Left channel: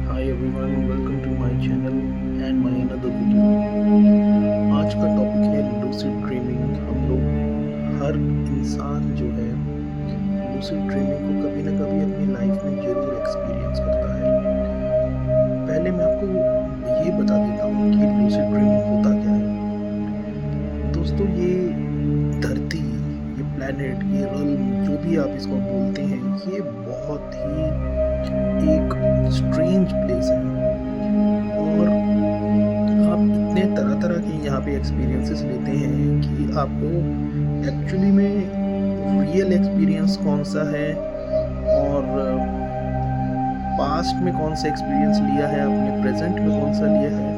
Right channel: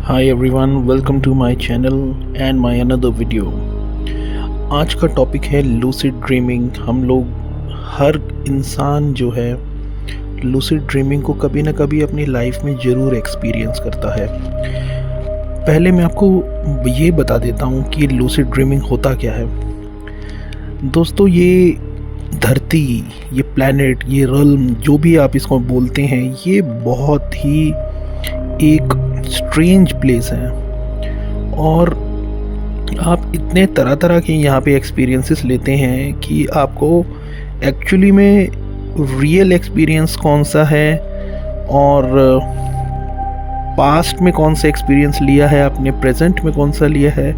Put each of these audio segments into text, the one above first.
Hi everyone, welcome to my channel and my another video। आज का topic है lucid dreaming. हम लोग हर इंसान जो है लूसिड ड्रीमिंग को कभी ना कभी अपनी लाइफ में ज़रूर एक्सपीरियंस करता है। पहले मैं आपको ये बता देता हूँ कि लूसिड ड्रीमिंग होता क्या है। दोस्तों, ये धरती, ये प्लैनेट, ये रल्म, जो भी आप इसको बोलते हैं, ये बहुत ही एक स्ट्रेंज प्लेस है और आप इतने तरह तरह के यहाँ पे एक्सपीरियंसेस लेते हैं कि आपको एक्चुअली में रियल एक्सपीरियंस कौन सा है और पास्ट में कौन सा एक्सपीरियंस लिया है, अपने प्रेजेंट में कौन सा लिया है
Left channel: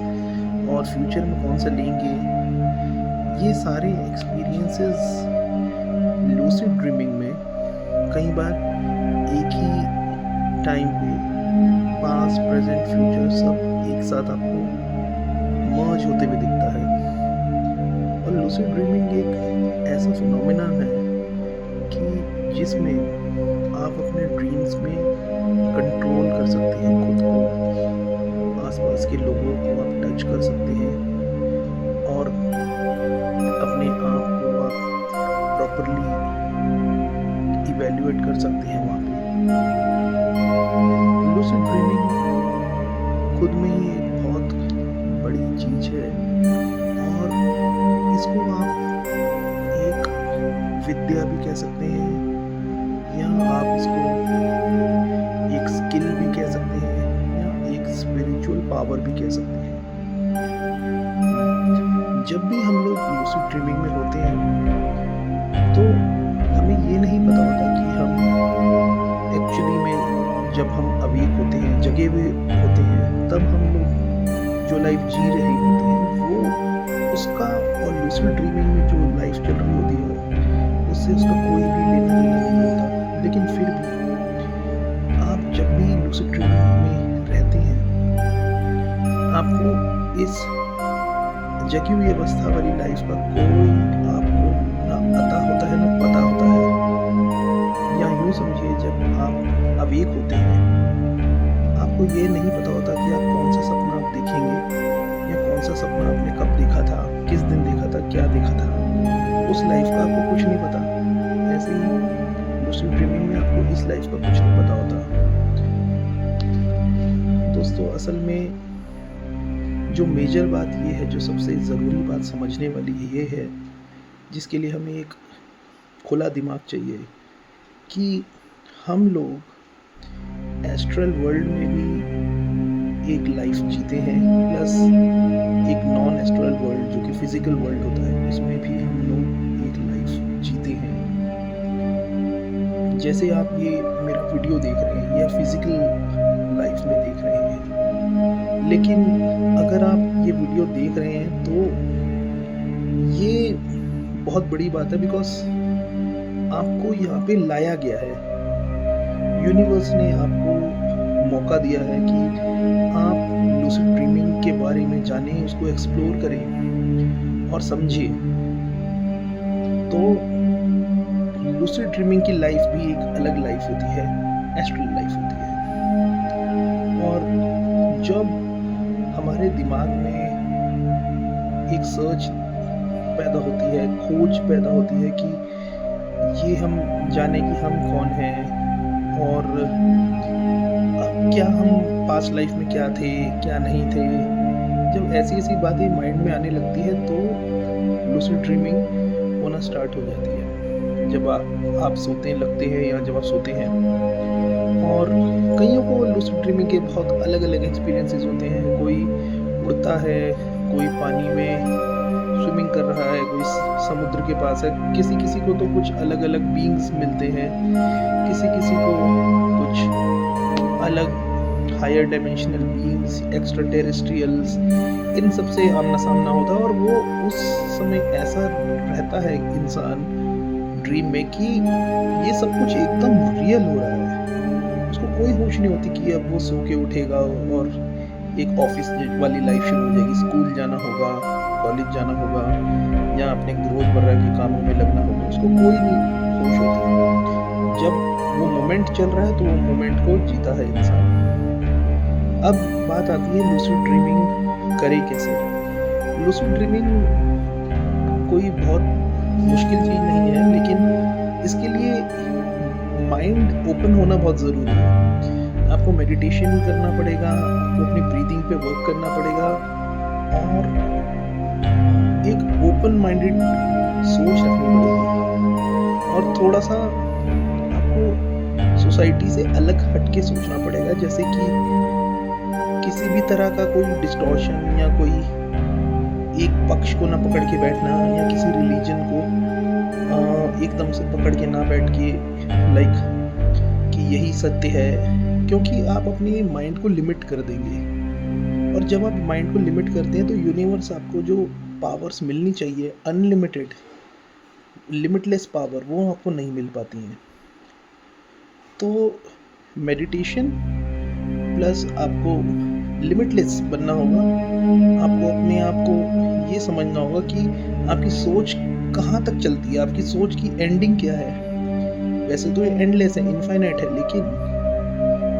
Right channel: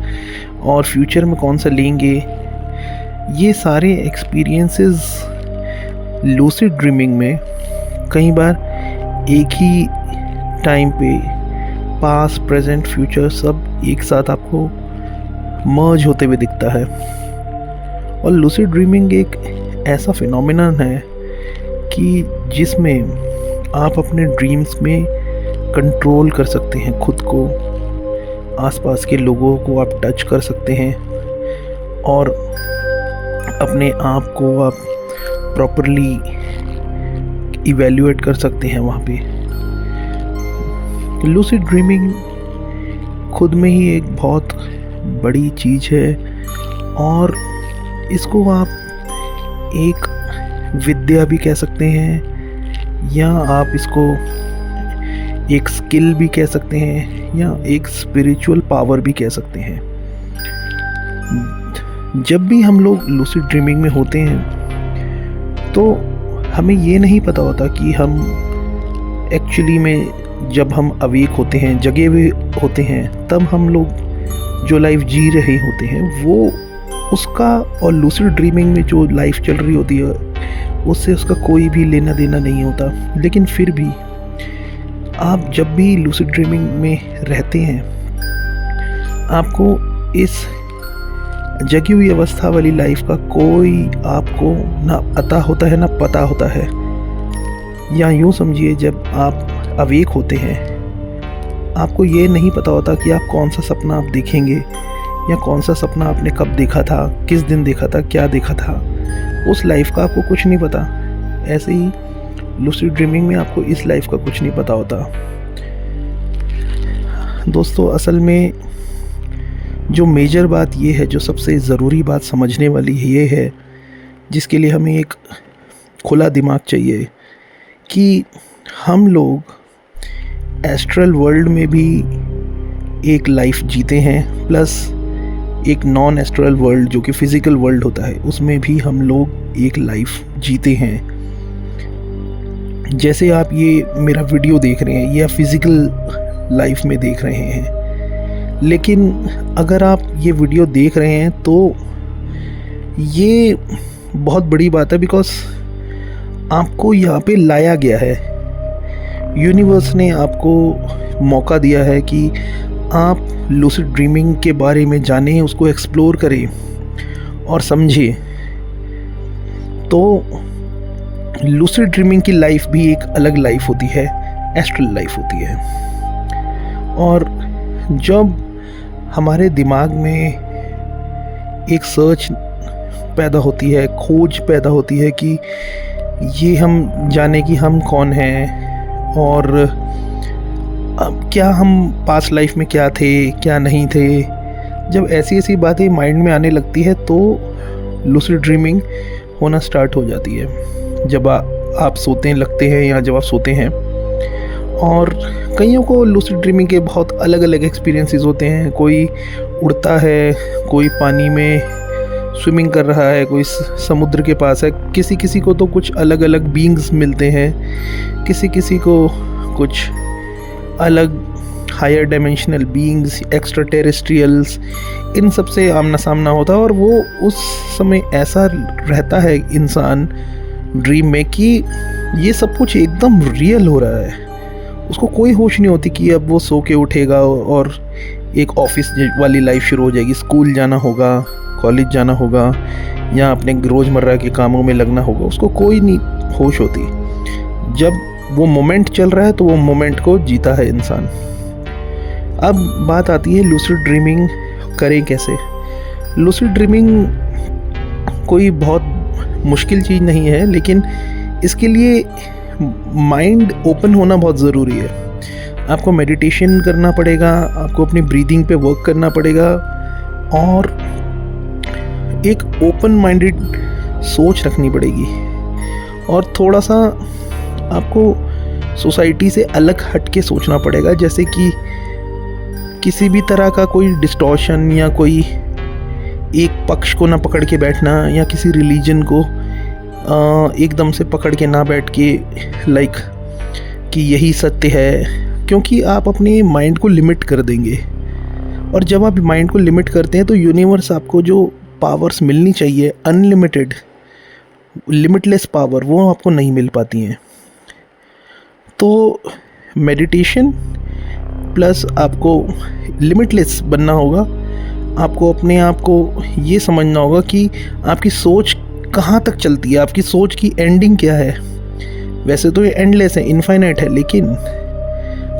और फ्यूचर में कौन सा लेंगे, ये सारे एक्सपीरियंसेस लूसिड ड्रीमिंग में कई बार एक ही टाइम पे पास्ट, प्रेजेंट, फ्यूचर सब एक साथ आपको मर्ज होते हुए दिखता है। और लूसिड ड्रीमिंग एक ऐसा फिनोमेनन है कि जिसमें आप अपने ड्रीम्स में कंट्रोल कर सकते हैं खुद को, आसपास के लोगों को आप टच कर सकते हैं और अपने आप को आप प्रॉपरली इवैल्यूएट कर सकते हैं वहाँ पे। लूसिड ड्रीमिंग खुद में ही एक बहुत बड़ी चीज़ है और इसको आप एक विद्या भी कह सकते हैं या आप इसको एक स्किल भी कह सकते हैं या एक स्पिरिचुअल पावर भी कह सकते हैं। जब भी हम लोग लूसिड ड्रीमिंग में होते हैं तो हमें ये नहीं पता होता कि हम एक्चुअली में जब हम अवेक होते हैं, जगे हुए होते हैं, तब हम लोग जो लाइफ जी रहे होते हैं वो उसका और लूसिड ड्रीमिंग में जो लाइफ चल रही होती है उससे उसका कोई भी लेना देना नहीं होता। लेकिन फिर भी आप जब भी लूसिड ड्रीमिंग में रहते हैं आपको इस जगी हुई अवस्था वाली लाइफ का कोई आपको ना अता होता है ना पता होता है। या यूँ समझिए, जब आप अवेक होते हैं आपको ये नहीं पता होता कि आप कौन सा सपना आप देखेंगे या कौन सा सपना आपने कब देखा था, किस दिन देखा था, क्या देखा था। उस लाइफ का आपको कुछ नहीं पता। ऐसे ही लूसिड ड्रीमिंग में आपको इस लाइफ का कुछ नहीं पता होता। दोस्तों, असल में जो मेजर बात ये है, जो सबसे ज़रूरी बात समझने वाली ये है, जिसके लिए हमें एक खुला दिमाग चाहिए, कि हम लोग एस्ट्रल वर्ल्ड में भी एक लाइफ जीते हैं, प्लस एक नॉन एस्ट्रल वर्ल्ड जो कि फिज़िकल वर्ल्ड होता है उसमें भी हम लोग एक लाइफ जीते हैं। जैसे आप ये मेरा वीडियो देख रहे हैं, या फिज़िकल लाइफ में देख रहे हैं, लेकिन अगर आप ये वीडियो देख रहे हैं तो ये बहुत बड़ी बात है, बिकॉज आपको यहाँ पे लाया गया है। यूनिवर्स ने आपको मौका दिया है कि आप लूसिड ड्रीमिंग के बारे में जानें, उसको एक्सप्लोर करें और समझें। तो लूसिड ड्रीमिंग की लाइफ भी एक अलग लाइफ होती है, एस्ट्रल लाइफ होती है। और जब हमारे दिमाग में एक सर्च पैदा होती है, खोज पैदा होती है कि ये हम जाने कि हम कौन हैं और अब क्या हम पास्ट लाइफ में क्या थे, क्या नहीं थे, जब ऐसी ऐसी बातें माइंड में आने लगती है तो लूसिड ड्रीमिंग होना स्टार्ट हो जाती है। जब आप सोते लगते हैं या जब आप सोते हैं, और कईयों को लूसिड ड्रीमिंग के बहुत अलग अलग एक्सपीरियंसेस होते हैं। कोई उड़ता है, कोई पानी में स्विमिंग कर रहा है, कोई समुद्र के पास है, किसी किसी को तो कुछ अलग अलग बीइंग्स मिलते हैं, किसी किसी को कुछ अलग higher dimensional beings, extra terrestrials, इन सब से आमना सामना होता है। और वो उस समय ऐसा रहता है इंसान ड्रीम में कि ये सब कुछ एकदम रियल हो रहा है। उसको कोई होश नहीं होती कि अब वो सो के उठेगा और एक ऑफिस वाली लाइफ शुरू हो जाएगी, स्कूल जाना होगा, कॉलेज जाना होगा या अपने रोज़मर्रा के कामों में लगना होगा। उसको कोई नहीं होश होती। जब वो मोमेंट चल रहा है तो वो मोमेंट को जीता है इंसान। अब बात आती है लूसिड ड्रीमिंग करें कैसे। लूसिड ड्रीमिंग कोई बहुत मुश्किल चीज़ नहीं है, लेकिन इसके लिए माइंड ओपन होना बहुत ज़रूरी है। आपको मेडिटेशन करना पड़ेगा, आपको अपनी ब्रीदिंग पे वर्क करना पड़ेगा और एक ओपन माइंडेड सोच रखनी पड़ेगी, और थोड़ा सा आपको सोसाइटी से अलग हट के सोचना पड़ेगा। जैसे कि किसी भी तरह का कोई डिस्टॉर्शन या कोई एक पक्ष को ना पकड़ के बैठना, या किसी रिलीजन को एकदम से पकड़ के ना बैठ के लाइक कि यही सत्य है, क्योंकि आप अपने माइंड को लिमिट कर देंगे। और जब आप माइंड को लिमिट करते हैं तो यूनिवर्स आपको जो पावर्स मिलनी चाहिए, अनलिमिटेड लिमिटलेस पावर, वो आपको नहीं मिल पाती हैं। तो मेडिटेशन प्लस आपको लिमिटलेस बनना होगा। आपको अपने आप को ये समझना होगा कि आपकी सोच कहाँ तक चलती है, आपकी सोच की एंडिंग क्या है। वैसे तो ये एंडलेस है, इनफाइनाइट है, लेकिन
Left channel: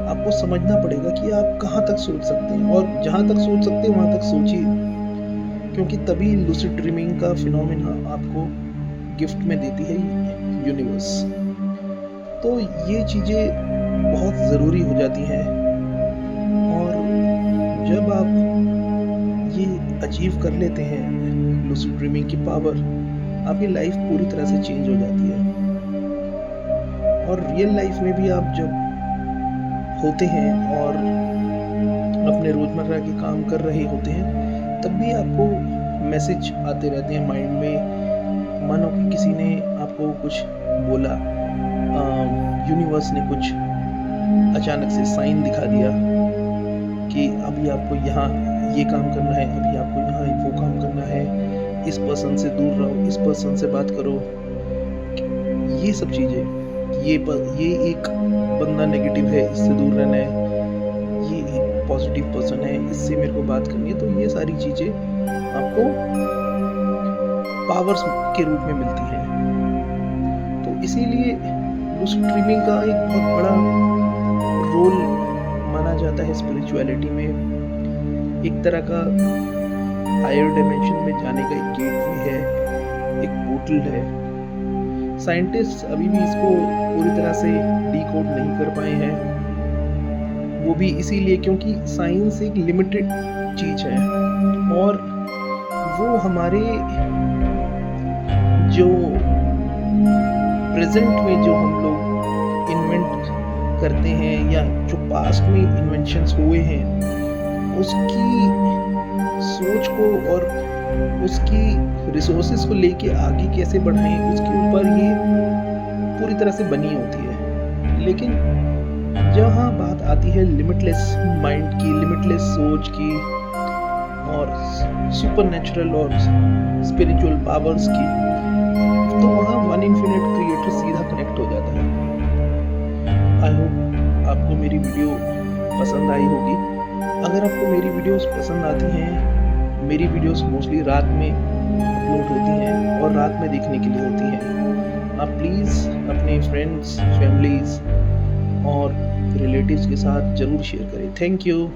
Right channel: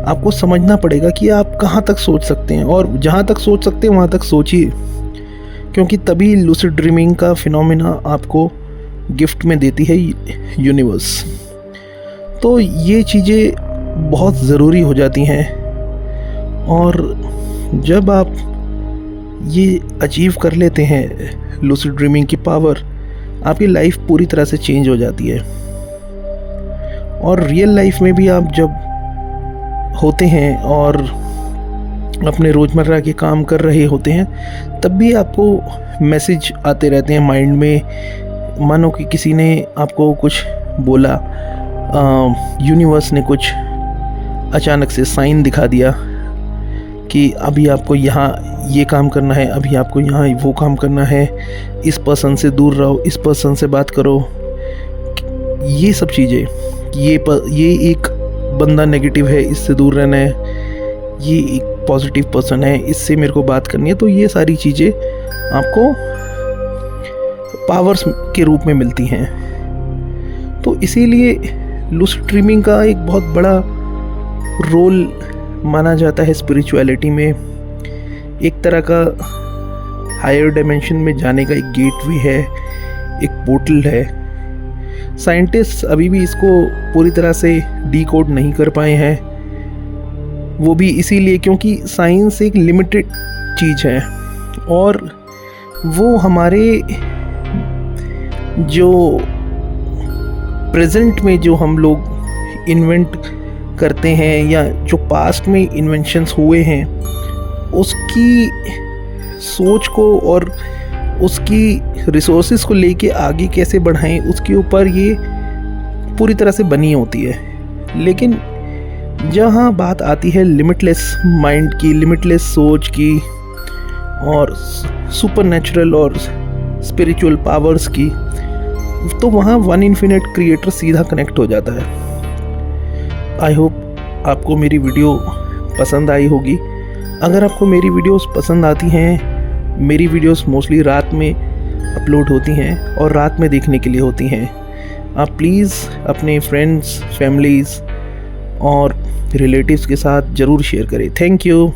आपको समझना पड़ेगा कि आप कहाँ तक सोच सकते हैं, और जहाँ तक सोच सकते हैं वहाँ तक सोचिए, क्योंकि तभी लूसिड ड्रीमिंग का फिनोमेना आपको गिफ्ट में देती है यूनिवर्स। तो ये चीज़ें बहुत ज़रूरी हो जाती हैं, और जब आप ये अचीव कर लेते हैं लूसिड ड्रीमिंग की पावर, आपकी लाइफ पूरी तरह से चेंज हो जाती है। और रियल लाइफ में भी आप जब होते हैं और अपने रोज़मर्रा के काम कर रहे होते हैं, तब भी आपको मैसेज आते रहते हैं माइंड में। मानो कि किसी ने आपको कुछ बोला, यूनिवर्स ने कुछ अचानक से साइन दिखा दिया कि अभी आपको यहाँ ये काम करना है, अभी आपको यहाँ वो काम करना है, इस पर्सन से दूर रहो, इस पर्सन से बात करो। ये सब चीज़ें, ये एक बंदा नेगेटिव है, इससे दूर रहना है, ये एक पॉजिटिव पर्सन है, इससे मेरे को बात करनी है। तो ये सारी चीज़ें आपको पावर्स के रूप में मिलती हैं। तो इसीलिए लूसिड ड्रीमिंग का एक बहुत बड़ा रोल माना जाता है स्पिरिचुअलिटी में। एक तरह का हायर डायमेंशन में जाने का एक गेट भी है, एक पोर्टल है। साइंटिस्ट अभी भी इसको पूरी तरह से डीकोड नहीं कर पाए हैं, वो भी इसीलिए क्योंकि साइंस एक लिमिटेड चीज़ है, और वो हमारे जो प्रेजेंट में जो हम लोग इन्वेंट करते हैं, या जो पास्ट में इन्वेंशंस हुए हैं, उसकी सोच को और उसकी रिसोर्सेज को लेके आगे कैसे बढ़ाएं, उसके ऊपर ये पूरी तरह से बनी होती है। लेकिन जहाँ बात आती है लिमिटलेस माइंड की, लिमिटलेस सोच की, और सुपरनैचुरल और स्पिरिचुअल पावर्स की, तो वहाँ वन इन्फिनिट क्रिएटर सीधा कनेक्ट हो जाता है। आई होप आपको मेरी वीडियो पसंद आई होगी। अगर आपको मेरी वीडियोस पसंद आती हैं, मेरी वीडियोस मोस्टली रात में अपलोड होती हैं और रात में देखने के लिए होती हैं। आप प्लीज़ अपने फ्रेंड्स, फैमिलीज़ और रिलेटिव्स के साथ ज़रूर शेयर करें। Thank you.